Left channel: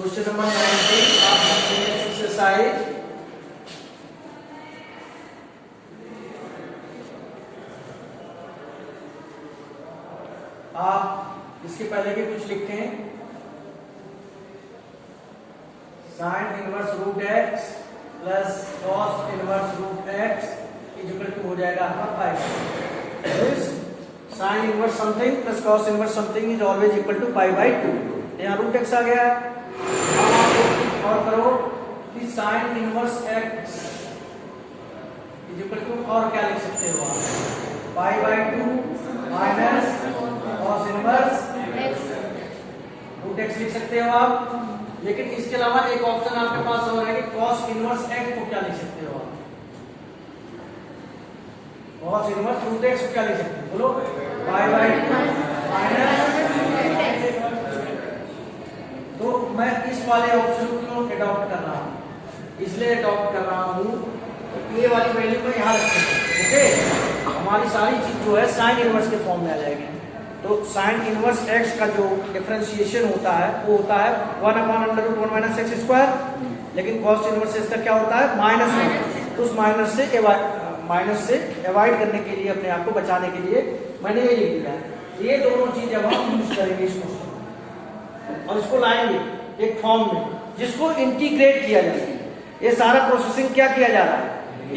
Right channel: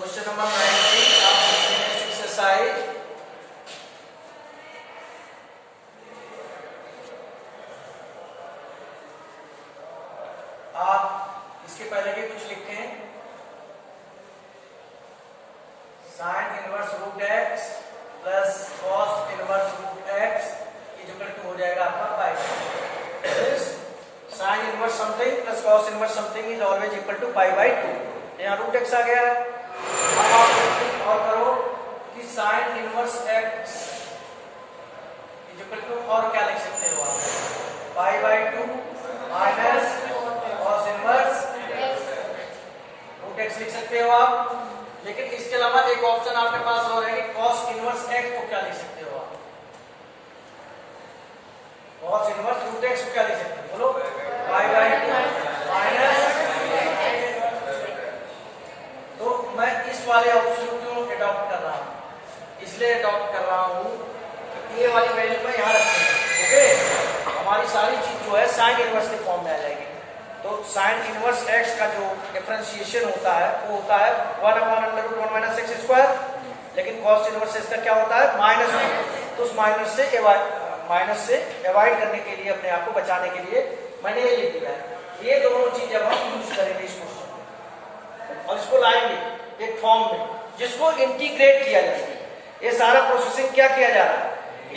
Question number 19 आप exercise आप इसके पहले भी कुछ लिखे हैं। Sine inverse root x plus cos inverse root x equal to हो जाएगा आपका pi. Sine inverse something plus cos inverse something is always equal to pi by 2। यहाँ रूट एक्स आ गया है। अब आप एक और करो कि sine inverse x equal to, और क्या लिख सकते हो आप, pi by 2 minus cos inverse root x लिख सकते हो आप। लेकिन इसके अलावा एक ऑप्शन आपके पास और है कि कॉस इनवर्स एक्स को क्या लिख सकते हो आप, कॉस इनवर्स रूट एक्स को क्या लिख सकते हो, बोलो, पाई बाई 2 माइनस। तो मैं इस वाले ऑप्शन को क्यों अडॉप्ट कर रहा हूं, इसलिए अडॉप्ट कर रहा हूं कि ये वाली वैल्यू मैं यहां रखूंगा। ओके, हमारी सारी चीज जो है साइन इनवर्स के फॉर्म में आ जाएगी। तो साइन इनवर्स एक्स का जो डिफरेंशिएशन होता है वो होता है 1/√1 माइनस एक्स स्क्वायर, लेकिन कॉस इनवर्स एक्स का क्या होता है, -1। तो उस माइनस से अवॉइड करने के लिए, अपने आप को बचाने के लिए मैंने ये लिख दिया है। ये दोनों चीज अब हम यूज करेंगे इस क्वेश्चन में और इसको लाएंगे एक फॉर्म में जिसको इंटीग्रेट किया जाए। ये सारा प्रोसेसिंग क्या किया जा रहा है,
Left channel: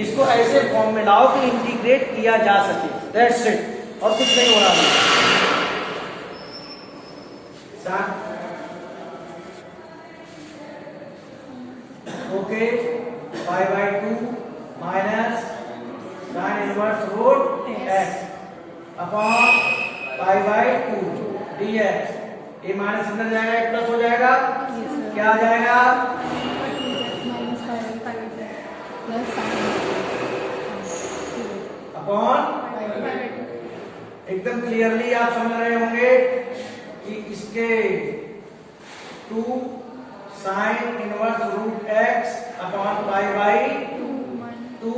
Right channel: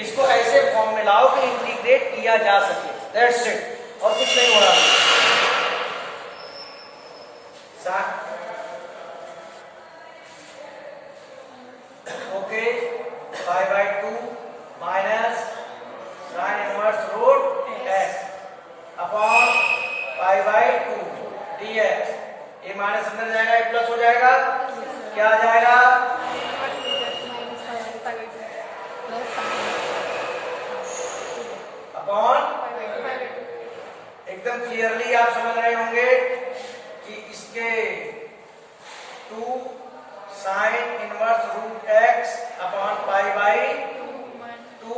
इसको ऐसे फॉर्म में लाओ कि इंटीग्रेट किया जा सके, दैट्स इट, और कुछ नहीं हो रहा है। Okay, pi by 2 minus sine inverse root x upon pi by 2 dx। ये माइनस अंदर जाएगा, एक प्लस हो जाएगा, क्या आ जाएगा, अपॉन। एकदम क्लियरली आप समझ रहे होंगे कि इसके 2 sine inverse root x upon pi by 2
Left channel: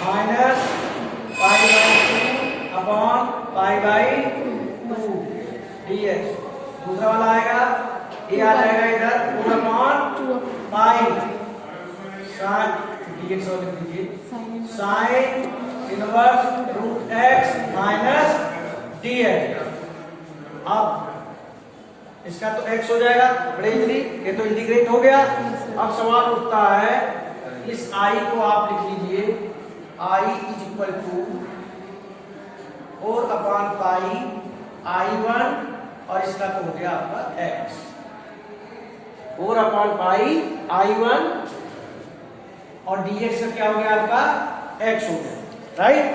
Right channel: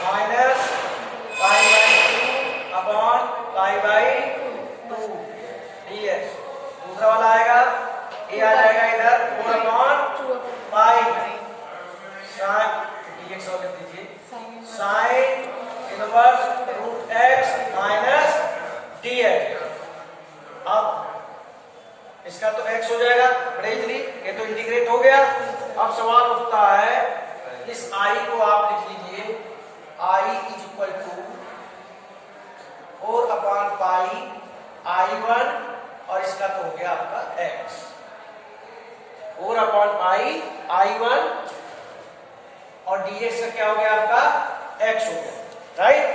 minus pi by 2 upon pi by 2 dx। दूसरा वाला आएगा, ये आ जाएगा इधर 4 अपॉन पाई साइन dx और लिख दीजिए sine inverse root x minus dx। अब इसका तो x हो जाएगा बड़े इजली, ये तो इंटीग्रेट हो गया। अब सवाल उठता है, इस i को आप लिख लीजिए i is equal to 4 upon pi i1 और इसका तो हो गया आपका x, 4 अपॉन पाई i1 और dx का क्या हो गया आपका x हो गया, राइट।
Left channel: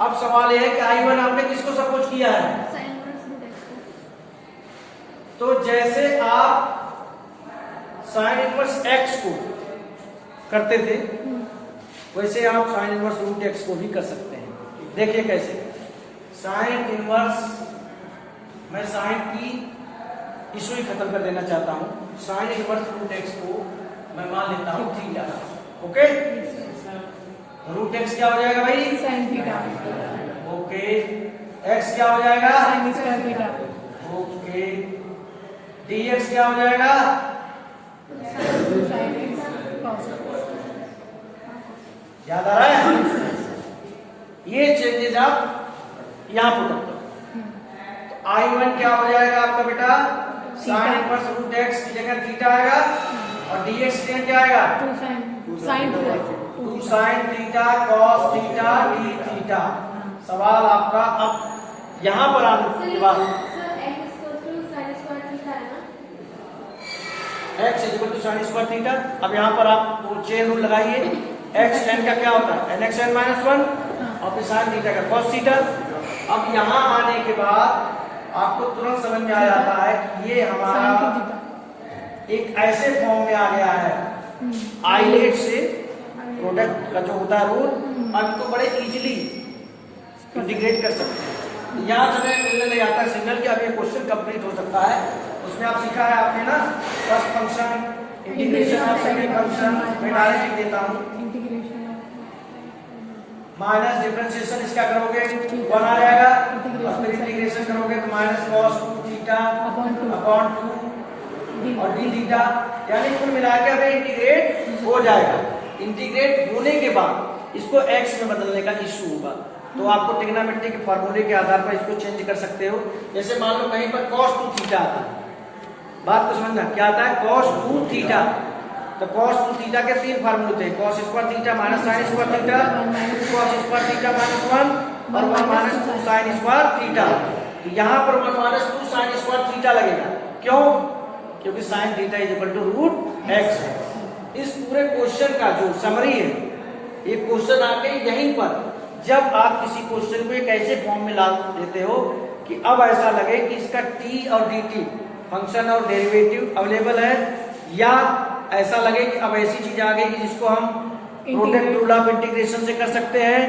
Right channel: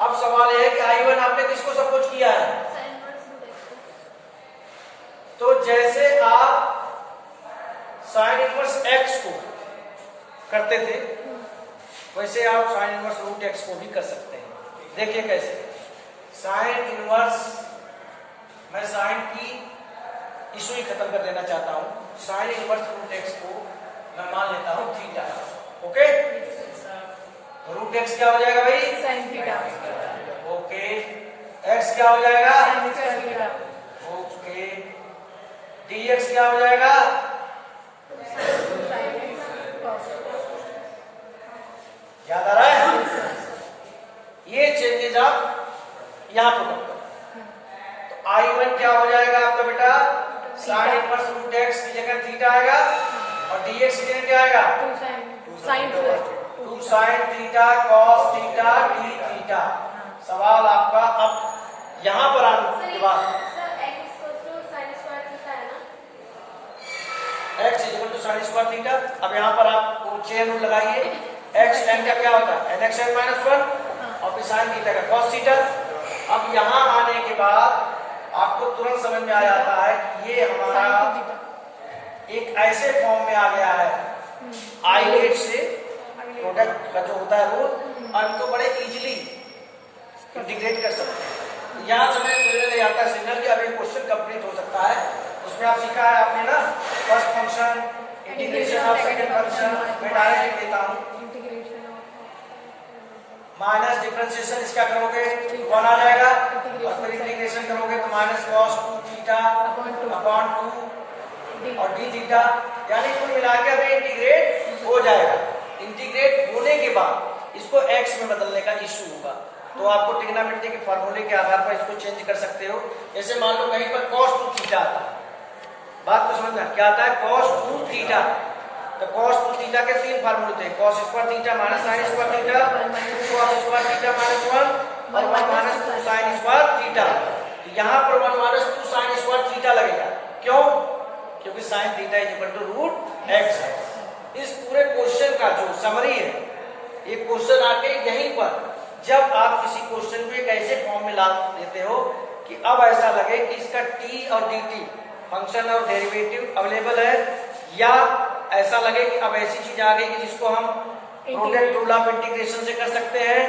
अब सवाल यह है कि i1 आपने किसको सपोज किया है, तो जैसे आप साइन इनवर्स x को करते थे वैसे आप साइन इनवर्स रूट x को भी कर सकते हैं। देखिए कैसे, साइन इनवर्स, मैं साइन की इशू ही खत्म कर देना चाहता हूं। साइन इनवर्स रूट x को मैं मान लेता हूं थीटा। ओके, रूट x क्या हो जाएगा भाई, साइन थीटा। ओके, x क्या हो जाएगा, sign square theta. Okay, dx क्या हो जाएगा, याद आ रहा है। ये चेंजेस आप यहां पुट करो। तो i1 क्या हो जाएगा आपका बेटा, साइन इनवर्स रूट x की जगह थीटा आएगा और dx की जगह क्या आएगा, 2 sine theta cos theta d theta. सवाल आपका अब यहां पर आने के बाद x equal to sine square theta. अब यहाँ पर आप वो चेन रूल लगाइए, x tan का क्या होता है nx n माइनस 1 और फिर साइन थीटा का cos थीटा। अब यहाँ आने के बाद आपको तुरंत समझ में आ जाता है कि ये हमारा एक ऐसे फॉर्म में आ गया है, आइलेट से प्रोडक्ट का जो होता है रूल, और इनको बड़े इजीली इंटीग्रेट कर सकते हैं। यहाँ समय ले आता है सिग्नल की, अब ये क्वेश्चन कंप्लीट हो सकता है। उसमें आप सीखा है आपने ना, first function, integration of second function, मैं डायरेक्ट देता हूँ, माइनस डिफरेंशिएशन इसका करोगे 1 आ जाएगा और फिर इंटीग्रेशन करोगे तो माइनस कॉस 2 थीटा अपॉन 2 और डी थीटा, यानी कुल मिला के अभी इंटीग्रेट हो जाएगा। इंटीग्रेट होने के बाद इसको एक्स में बदलने का इशू होगा, तो आपको ट्रिग्नोमेट्री के फार्मूले के आधार पर इसको चेंज कर सकते हो। जैसे मान लो कहीं पर cos 2 थीटा आता है, बात को समझना, क्या आता है cos 2 थीटा, तो cos 2 थीटा के 3 फार्मूले थे, cos square theta minus sin square theta, cos square theta minus 1 और 1 माइनस 2 sin स्क्वायर थीटा। तो यहाँ पर 1 माइनस 2 sin स्क्वायर थीटा लगेगा, क्यों? क्योंकि sin theta is equal to root x है। इस पूरे क्वेश्चन का जो समरी है, ये क्वेश्चन आके यहीं पर जब आप किसी क्वेश्चन को एक ऐसे फॉर्म में ला देते हो कि अब ऐसा लगे कि इसका t और dt फंक्शन और डेरिवेटिव अवेलेबल है, या ऐसा लगे कि अब ऐसी चीज आ गई कि जिसको हम प्रोडक्ट रूल ऑफ इंटीग्रेशन से कर सकते हैं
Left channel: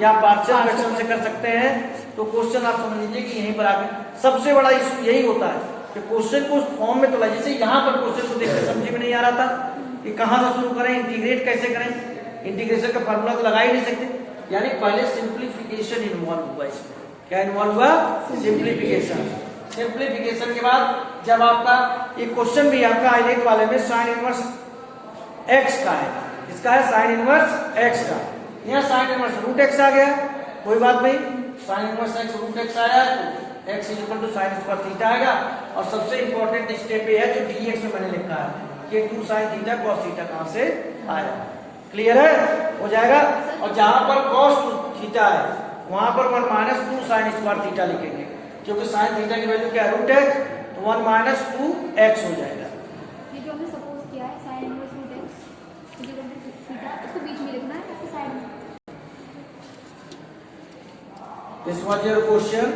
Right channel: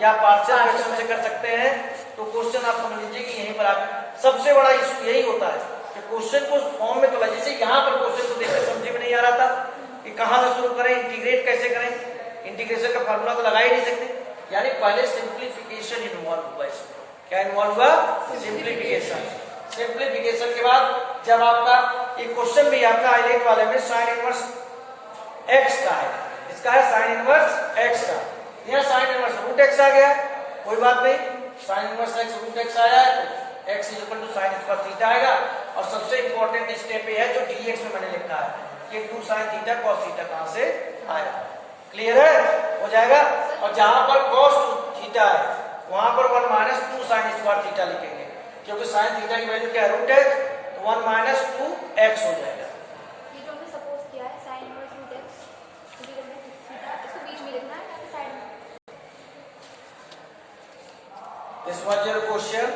या पार्शियल फ्रैक्शन से कर सकते हैं, तो क्वेश्चन आप समझ लीजिए कि यहीं पर आके सबसे बड़ा इशू यही होता है कि क्वेश्चन को उस फॉर्म में तो जैसे यहाँ पर क्वेश्चन को देखकर समझ में नहीं आ रहा था कि कहाँ से शुरू करें, इंटीग्रेट कैसे करें, इंटीग्रेशन का फॉर्मूला तो लगा ही नहीं सकते, यानी पहले सिंप्लीफिकेशन इन्वॉल्व हुआ इसमें। क्या इन्वॉल्व हुआ? सिंप्लीफिकेशन। सिंप्लीफिकेशन के बाद जब आपका ये क्वेश्चन भी आपका हाईलाइट वाले में साइन इनवर्स एक्स का है, इसका है साइन इनवर्स एक्स का, यहाँ साइन इनवर्स रूट एक्स आ गया, कोई बात नहीं, sine inverse x root x आया है तो x is equal to sine square theta आएगा। और सबसे इंपॉर्टेंट स्टेप ये है जो डीएक्स में मैंने लिखा है कि 2 साइन थीटा कॉस थीटा कहां से आएगा, क्लियर है? हो जाएगा। और जहां पर cos 2 थीटा है वहां पर 1 माइनस 2 साइन स्क्वायर थीटा लिखेंगे, क्योंकि साइन थीटा की वैल्यू क्या है? रूट एक्स, तो 1 माइनस 2 एक्स हो जाएगा। ये जो हमने सपोज किया है साइन इनवर्स रूट एक्स, इसको बीच में लिखना है या साइड में? This was your question.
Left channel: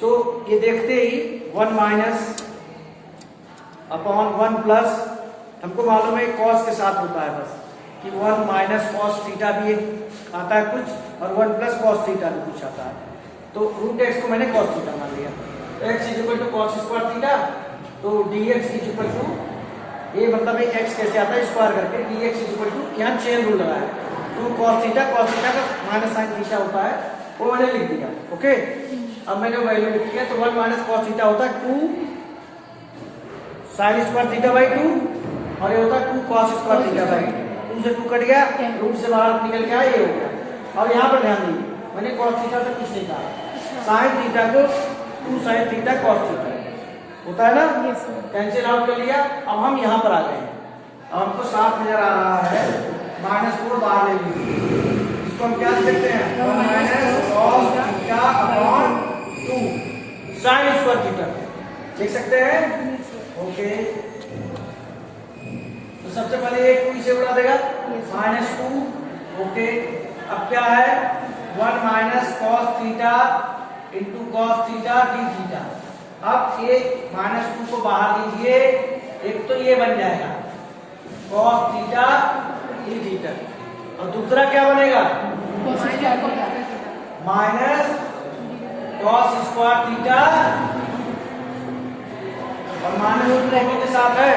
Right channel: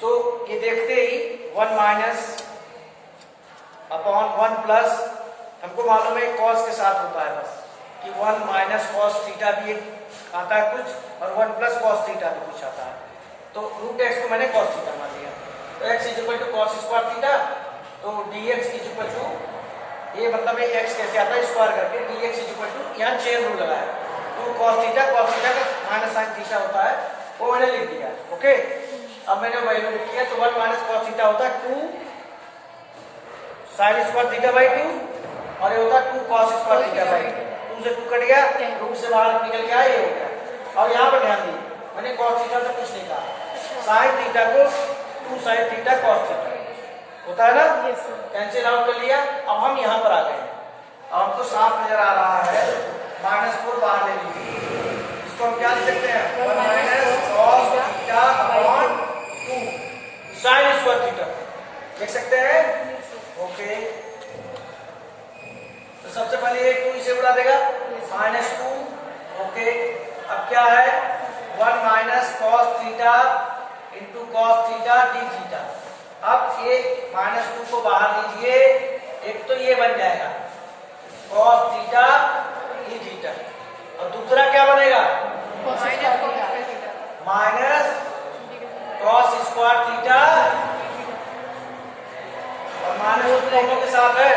So ये देखते ही 1 माइनस अपॉन 1 प्लस, हमको मालूम है cos के साथ होता है बस कि 1 माइनस cos थीटा भी आता है कुछ और 1 प्लस cos थीटा भी कुछ आता है, तो रूट एक्स को मैंने cos थीटा मान लिया, तो x is equal to cos square theta, तो dx इज इक्वल टू, ये मतलब है x कैसे आता है स्क्वायर करके, dx इज इक्वल टू, यहाँ चेन रूल लगाया 2 cos थीटा का माइनस साइन थीटा होता है, वो मैंने लिख दिया। ओके, अब मैंने वैल्यू लिख दिया, तो 1 माइनस cos थीटा होता है 2 साइन स्क्वायर थीटा बाई 2 और ये होता है 2 cos स्क्वायर थीटा बाई 2 से 2 कट गया, रूट से बाहर निकल गया, ये हो गया। और यहाँ पर ध्यान दीजिए, मैंने cos थीटा तक कुछ नहीं कहा, साइन थीटा को 2 साइन थीटा cos थीटा होता है ना, कैंसिल आउट कर लिया। अब हम यहाँ पर आ गए हैं, अब हमको साफ नजर आ रहा है, -4 बाहर ले लीजिए, इसको हम क्या लिख सकते हैं? 1 minus cos theta upon 2 sign square theta लिख सकते हैं। ओके, तो सबसे पहले एक 2 इसे उड़ा देगा, -2। ओके, अब क्या है? 1 minus cos theta into cos theta d theta. अब ये -2 को बाहर लीजिए, एक तो ये बन जाएगा cos थीटा डी थीटा, और दूसरा क्या बनेगा? माइनस cos स्क्वायर थीटा, और माइनस दोनों के साथ है,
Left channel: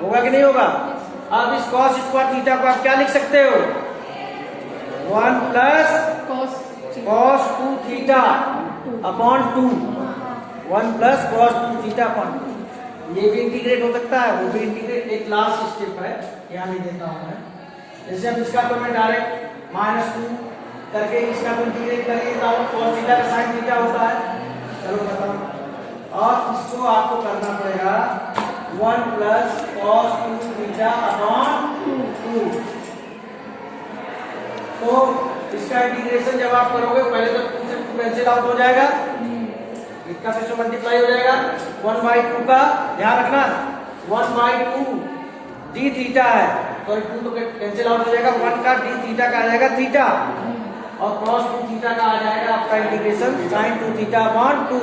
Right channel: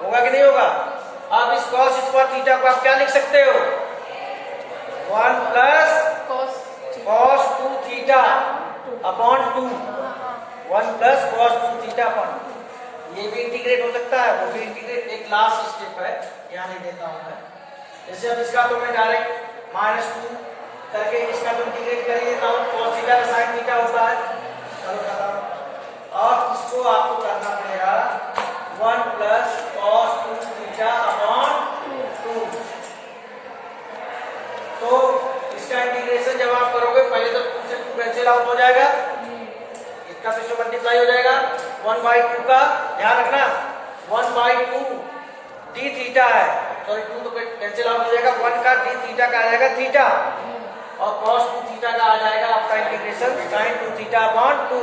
होगा कि नहीं होगा? अब इस cos स्क्वायर थीटा को आप क्या लिख सकते हो? 1 plus cos 2 theta upon 2, 1 plus cos 2 theta upon 2, ये भी इंटीग्रेट हो सकता है, वो भी इंटीग्रेट। एक लास्ट स्टेप है, यहाँ नहीं देता हूं मैं, जैसे अब इसका तो मैं डायरेक्ट -2 करके इसका तो इंटीग्रेट कर देता हूँ, cos थीटा का साइन थीटा होता है, चलो बताओ। और इसको आपको करना पड़ेगा 1 प्लस cos 2 थीटा अपॉन 2। तो इसका इंटीग्रेशन जब आप करोगे, पहले तो 2 से 2 कैंसिल आउट हो जाएगा, इसका से मल्टीप्लाई हो जाएगा, 1/2 का ध्यान रखना, 1/2 डी थीटा है, सॉरी 2 तो कैंसिल आउट हो जाएगा, 1 का डी थीटा का आ जाएगा थीटा, और cos 2 थीटा का आ जाएगा आपका इंटीग्रेशन sin 2 थीटा अपॉन 2।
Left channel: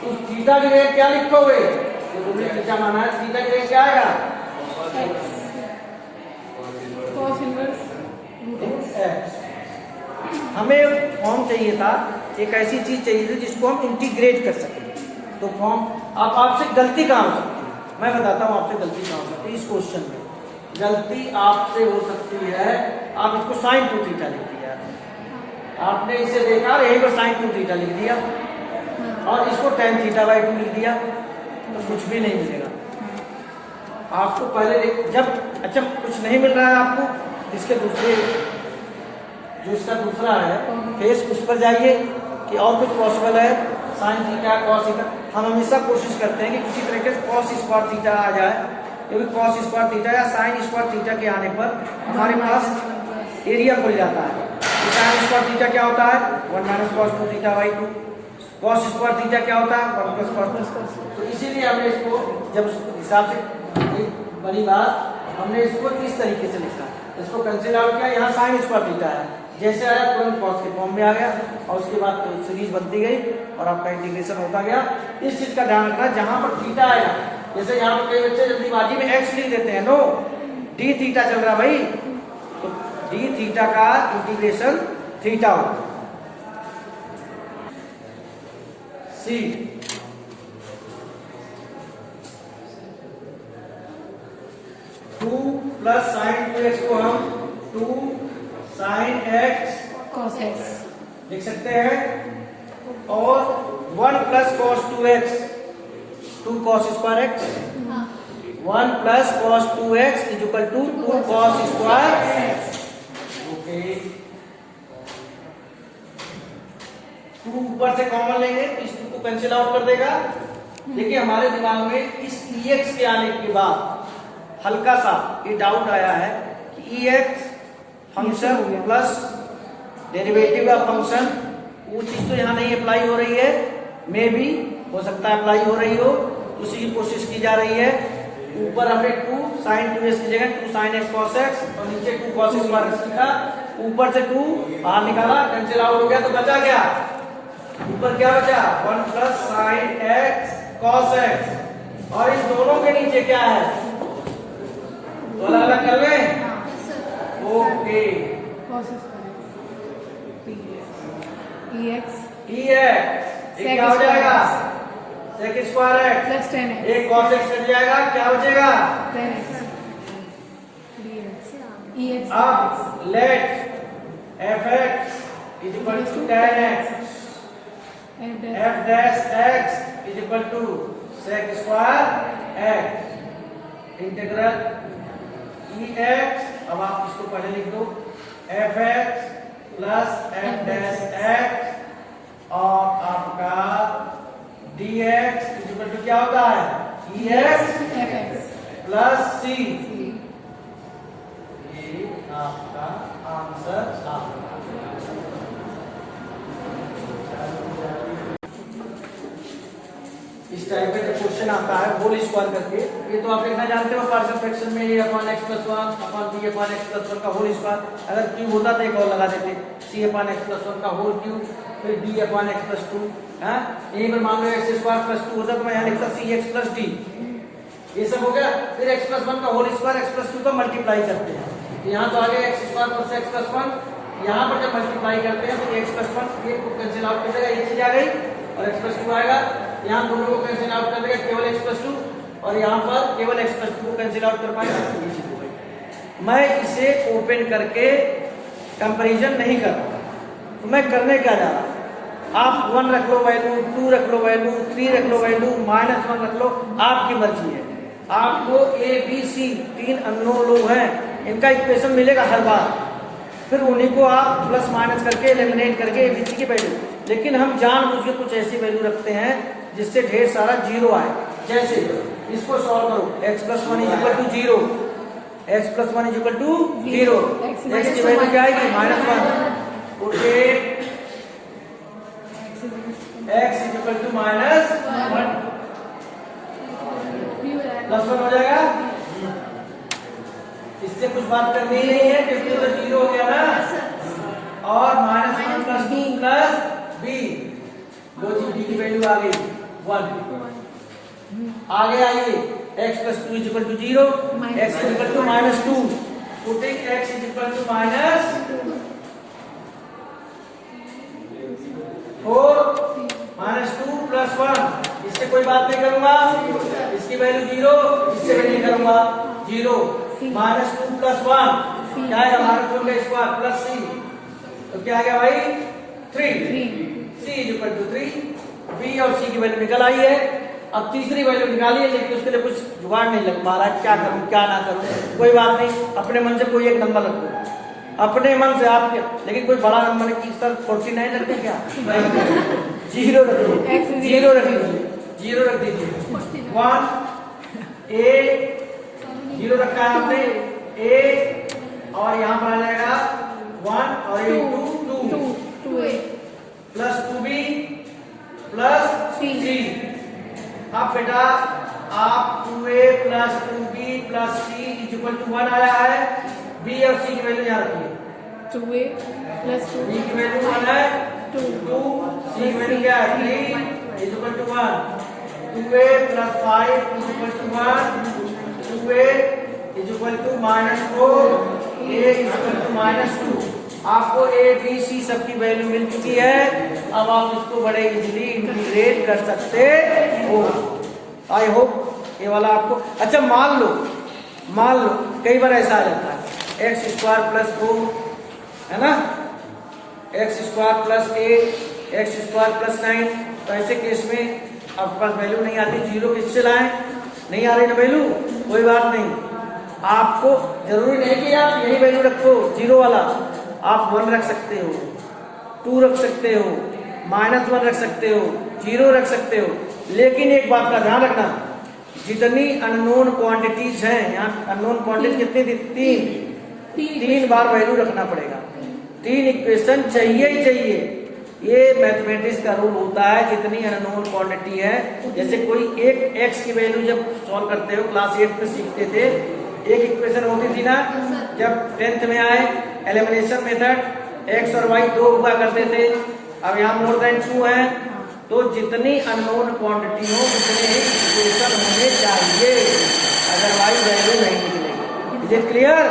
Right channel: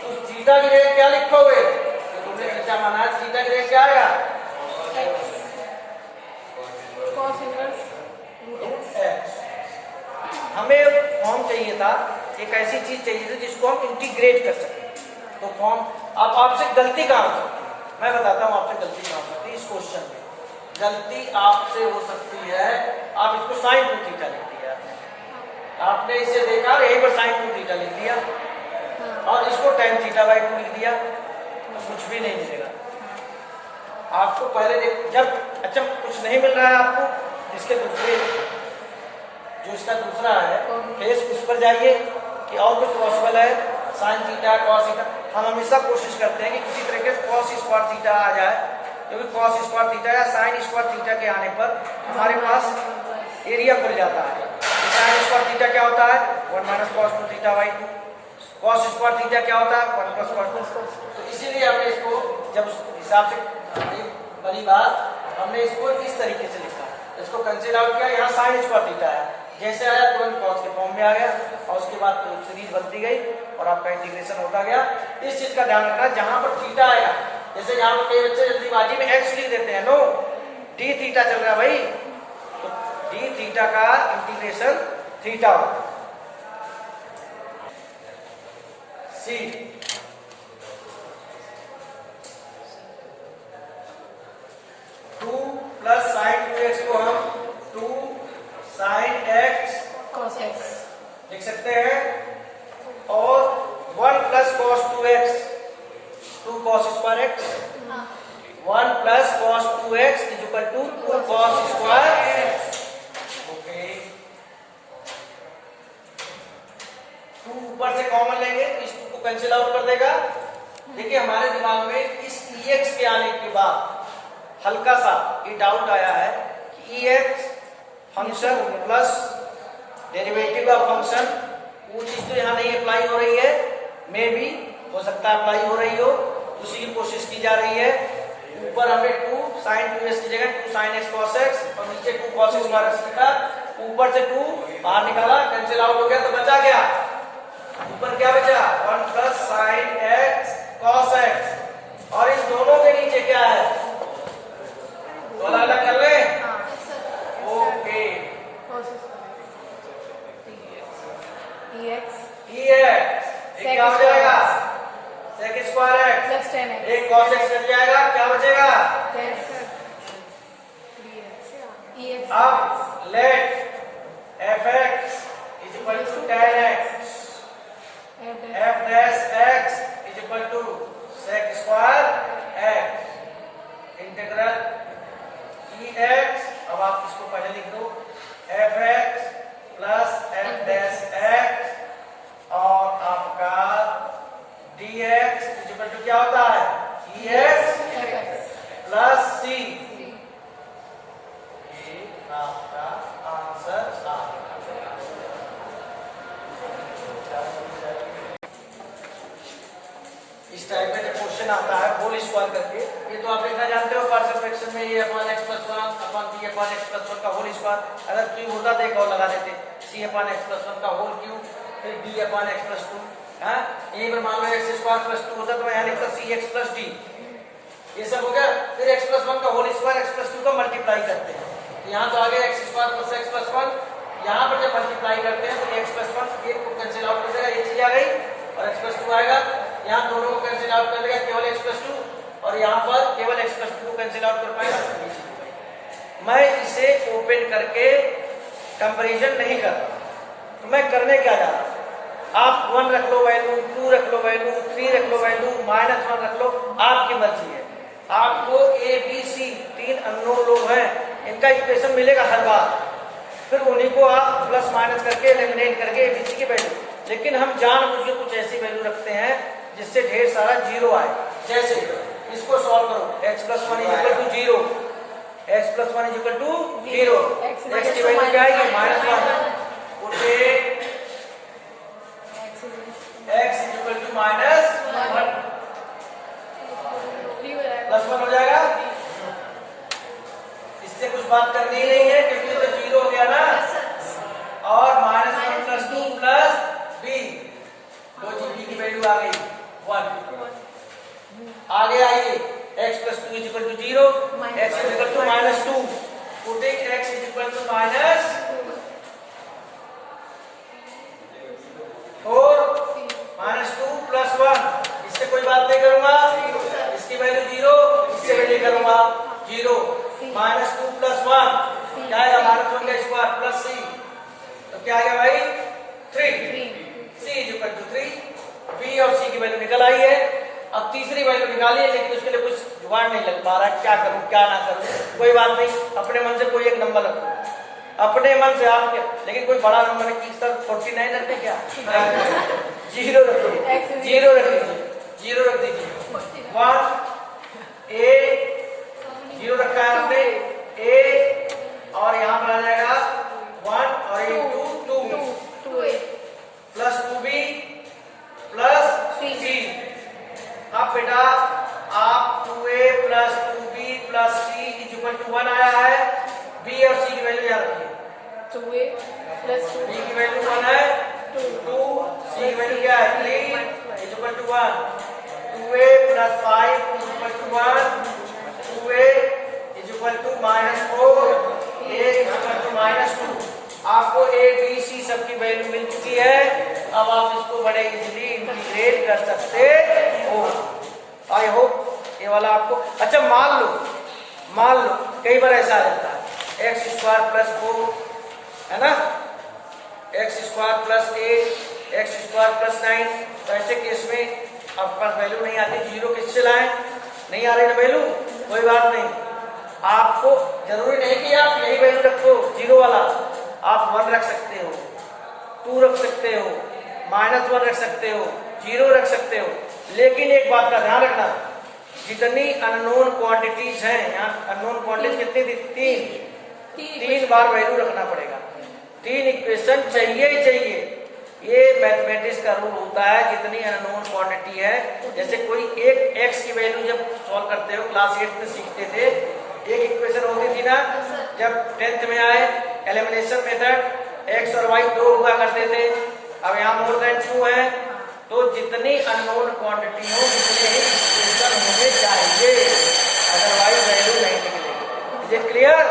तो थीटा की जगह क्या लिखोगे? तो तुमने थीटा माना है, थीटा की जगह क्या आएगा? cos inverse root x. हमें फॉर्म चाहिए था, एक ऐसी चीज चाहिए थी जिसको हम इंटीग्रेट कर सकें। तो फॉर्म, अब आपसे गलती कहाँ हो सकती है? मैं बताता हूँ आपसे गलती कहाँ हो सकती है। इस क्वेश्चन में गलती आपसे हो सकती है, आप इसको sin 2 थीटा लिख दिया, आपने इसे देखा, यहीं पर sin 2 थीटा लिख दिया, और इसको tan थीटा बाई 2 लिख दिया, तो कुछ भी नहीं मिलेगा आपको। पहले जब अच्छा कुछ नहीं मिल रहा है आपको, इसके दूसरे जो इसका दूसरा है केस, उस पर जाइए कि और कुछ पॉसिबल है, साइन थीटा कॉस थीटा। हम हमेशा कोशिश करते हैं कि किसी तरीके से कॉस स्क्वायर थीटा आ जाए, क्योंकि कॉस स्क्वायर थीटा या साइन स्क्वायर थीटा के आने पर हमारे पास एरिया खुल जाता है। साइन स्क्वायर थीटा क्या होता है 1 minus cos 2 theta by 2। Cos square theta क्या होता है 1 प्लस कॉस 2। तो इसीलिए हमने इसको जब उस हिसाब से एक बड़ी बात हमने इसको इस तरीके से लिखा, इसको कंसिडर आउट किया। यहाँ साइन स्क्वायर थीटा है, जैसे आया तुरंत कॉस के फॉर्म में आ गया और उसके बाद तो सीरीज बनती गई और आपका इंटीग्रेशन होता गया। इस चीज का ध्यान रखना, जहां पर थीटा आएगा, जैसे यहाँ पर कई बच्चे जल्दीबाजी में एक्स लिख देते हैं, नो डी थीटा चल रहा है भाई, तो डी थीटा का इंटीग्रेशन थीटा होगा। सी टू प्लस साइन 2x को हम 2 साइन x cos x लिख सकते हैं, और 1 plus cos 2x 2 cos square x, 1 plus cos 2x is equal to 2 cos square x। Okay, 2 ऊपर से कॉमन लेंगे तो इस 2 को कैंसिल आउट कर देगा। देखिए हमारे दिमाग में इस ex के आने के बाद हल्का सा ये डाउट आया है कि ex फंक्शन प्लस डेरिवेटिव का फंक्शन, वो चीज तो यहाँ नहीं अप्लाई हो रही है, मे भी हो सकता है अप्लाई हो रही हो, उसी की कोशिश की जा रही है। ऊपर हमने 2 साइन 2x की जगह 2 साइन x cos x और नीचे 2 cos स्क्वायर x लिखा, ऊपर से 2 बाहर निकाला, कैंसिल आउट हो गया, तो बचा क्या, ऊपर क्या बचा 1 plus sign x cos x, और इन दोनों के नीचे क्या है, तो अलग अलग कर ले। ओके, ये क्या हो जाएगा sec square x plus 10x एक cos x कट जाएगा, क्या बचेगा 10x dx। अब let fx is equal to tan x f dash x is equal to sec square x integral ex। अब आप इसको पहले लिख दो fx plus f dash x और आपका dx इज इक्वल टू क्या होता है ex प्लस c। ये आपका आंसर आ गया। इस टाइप में जब क्वेश्चन आता है होल स्क्वायर करके, ये तो आप लिखना जानते हो पार्शियल फ्रैक्शन में, ये upon x plus 1 upon b upon x plus 1 का होल स्क्वायर। अगर क्यूब होता तो एक और लगा देते, c अपॉन x प्लस 1 का होल क्यूब, फिर b अपॉन x प्लस 2 है। यहीं पर मान लो x स्क्वायर प्लस 2 होता तो मैं यहाँ लिखता cx प्लस d। ये सब हो गया। फिर x प्लस 1 का होल स्क्वायर x प्लस 2 का मल्टीप्लाई करते हैं, तो यहाँ तो आ गया x square plus x plus 1। यहाँ पर जब मल्टीप्लाई करते हैं तो x प्लस 1 एक को कैंसिल आउट कर देगा, एक चीज आ गई, और x प्लस 2 आएगा, यहाँ दोनों को कैंसिल आउट कर देगा, केवल x प्लस 2, और यहाँ पर केवल x प्लस 2 को कैंसिल आउट कर पाएगा। मैं इसे ओपन करके कंपैरिजन नहीं कर रहा, तो मैं करने क्या जा रहा हूँ, आप 1 रख लो वैल्यू, 2 रख लो वैल्यू, 3 रख लो वैल्यू, -1 रख लो, आपकी मर्जी है। आपको a b c 3 अननोन लोग हैं, इनका इक्वेशन मिलेगा हर बार, फिर उन्हीं को आप प्लस माइनस करके एलिमिनेट करके a b c की वैल्यू। लेकिन हम जानबूझ के कुछ ऐसी वैल्यू रखते हैं जिससे ढेर सारा जीरो आए। जैसे इसको सॉल्व करो, x plus 1 is equal to 0, x plus 1 is equal to 0, x की वैल्यू क्या आएगी -1, okay, x is equal to -1 plus 1 हो जाएगा। इससे कुछ बात करनी ही नहीं है क्योंकि तो 0 हो गया ना, और -1 प्लस 2 प्लस b, लो जी b की वैल्यू आ गई 1। आगे आइए, x plus 2 is equal to 0, x is equal to -2, putting x is equal to -2 plus 1, इससे कोई बात नहीं करूंगा, इसकी वैल्यू 0, इससे भी नहीं करूंगा 0, -2 प्लस 1 क्या आएगा, -1 का स्क्वायर प्लस c, तो क्या आ गया भाई 3, c is equal to 3, b और c की वैल्यू निकल आई है। अब तीसरी वैल्यू निकालिए, लेकिन उसके लिए कुछ जुगाड़ नहीं लग पा रहा है, क्या करूं क्या ना करूं। कोई बात नहीं, अपने मन से कोई एक नंबर रख दो, अपने मन से आपके, लेकिन कोई बड़ा नंबर नहीं। सर 49 रख दे क्या? जीरो रख दो, जीरो रख दीजिए, जीरो रख दीजिए। 1 ए जीरो रखा है आपने, ए और यहाँ पर आ जाएगा 1 और ये 2 प्लस 2b प्लस c। अब बेटा आप 2a plus 2b plus c equal to 1 आया है। b और c की वैल्यू यहाँ रखिए। 2a प्लस 2 b की वैल्यू 1 है, 2 c की वैल्यू क्या है 3 equal to 1। 2a plus 5 equal to 1, 2a equal to -4, a equal to -2। आपको a b c सबकी वैल्यू मिल चुकी है। अब आप इसको बड़े इजीली इंटीग्रेट कर सकते हो। आई होप ये वाला आपको अच्छा। मान लो कई बार ऐसा आ जाता है एक्स स्क्वायर प्लस 4 है ना, x square plus 8, x square plus 9। तो ऐसे केस में आपके पास वैल्यू नहीं आती, जीरो किससे लाएं? नहीं आ रही ना वैल्यू, कोई बात नहीं। आपको जरूरी नहीं कि आप यही वैल्यू रखो जीरो वाला, आप 1 रख सकते हो, 2 रख सकते हो, -1 रख सकते हो, 0 रख सकते हो। लेकिन एक बात का ध्यान रखना, जितनी अननोन क्वांटिटीज हैं, यहाँ अननोन क्वांटिटी कितनी थी? 3 बार वैल्यू रखना पड़ेगा, 3 इक्वेशन चाहिए ही चाहिए। ये मैथमेटिक्स का रूल होता है, जितनी अननोन क्वांटिटी है। जैसे कोई एक एक्स की वैल्यू जब सॉल्व करते हो, क्लास 8 में सीखते थे, एक इक्वेशन होती थी ना, जब 10th में आए एलिमिनेशन मेथड, एक्स और वाई 2 हुआ करते थे। अब यहाँ मोर देन 2 है, तो जितनी अननोन क्वांटिटी हो उतने ही इक्वेशन होने चाहिए, अदरवाइज वैल्यू नहीं निकलेगी। Is it clear?